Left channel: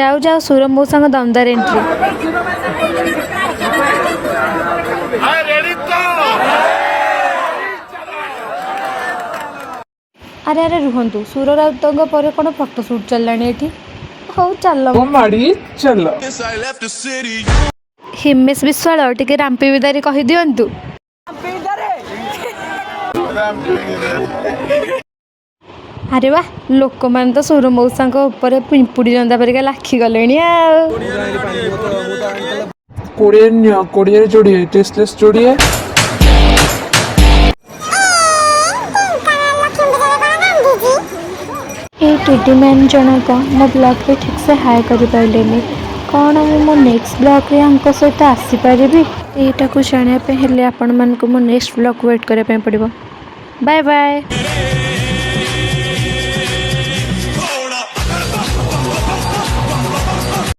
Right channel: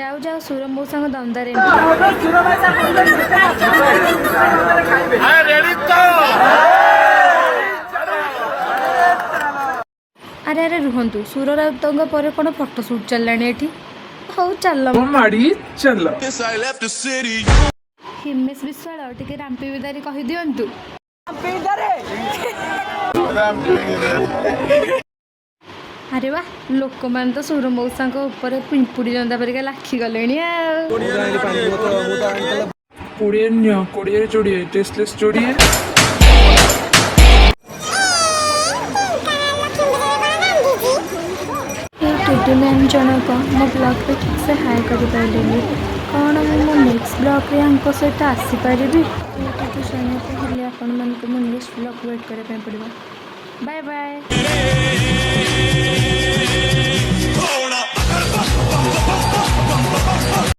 जाऊ जाऊ सुर मौसा दमदार एंट्री। अरे अरे रुहतु सुर राउतों पर कौन फोटोशूट चललानी एठी। हौ चल हिमेश विश्वाल टिके रामपी विदारी कहि दियंतु। अरे वाह लोक मान तो सुर मौसा ऊपर पिंपुड़ी जंदा परिका लाखी गले टुडू मैन जनक मो ब्लॉग पे ठीक से हाय कर पारे कौन मो नेक्स्ट ब्लॉग रे सहित आसीपारि यहाँ को जानापे आपण मानक मो नेक्स्ट ब्लॉग वेट करने पड़ो। Bye bye.